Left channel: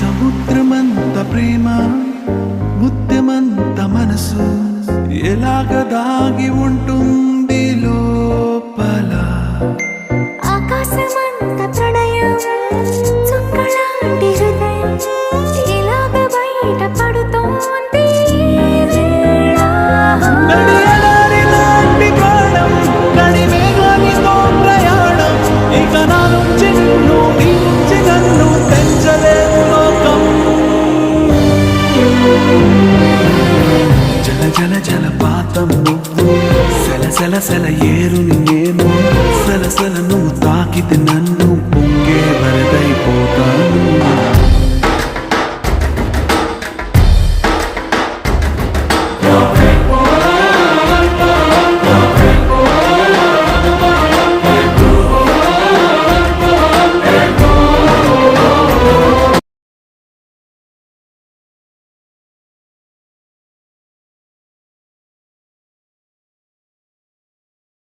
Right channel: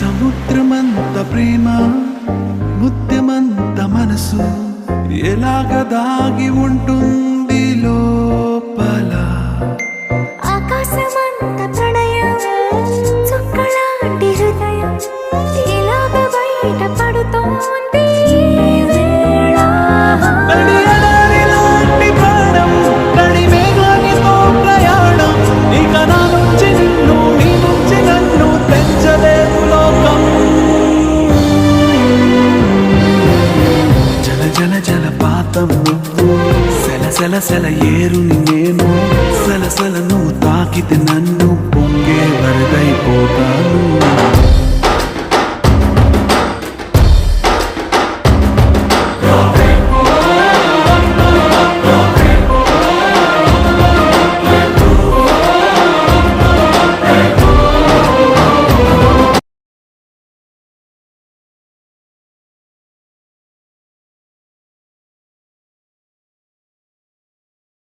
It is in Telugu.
సముద్రమంత ప్రేమ ముత్యమంత మనసు ఎలాగ దాగి ఉంటుంది లోపల. ఆకాశమంత ప్రణయం చుక్కలాంటి హృదయం ఇలాగ బయట పడుతోంది లాంటి ప్రాణం నడి మేఘానితో ప్రయాణం. ఇక నా నుంచి నిన్ను నీ నుంచి నన్ను తెంచలేదు లోకం. జల జల జలపాతం నువ్వు సెల సెల సెల ఏరుని నేను సలసల నువ్వు తాకితే నన్ను పొంగే వరదైపోతాను.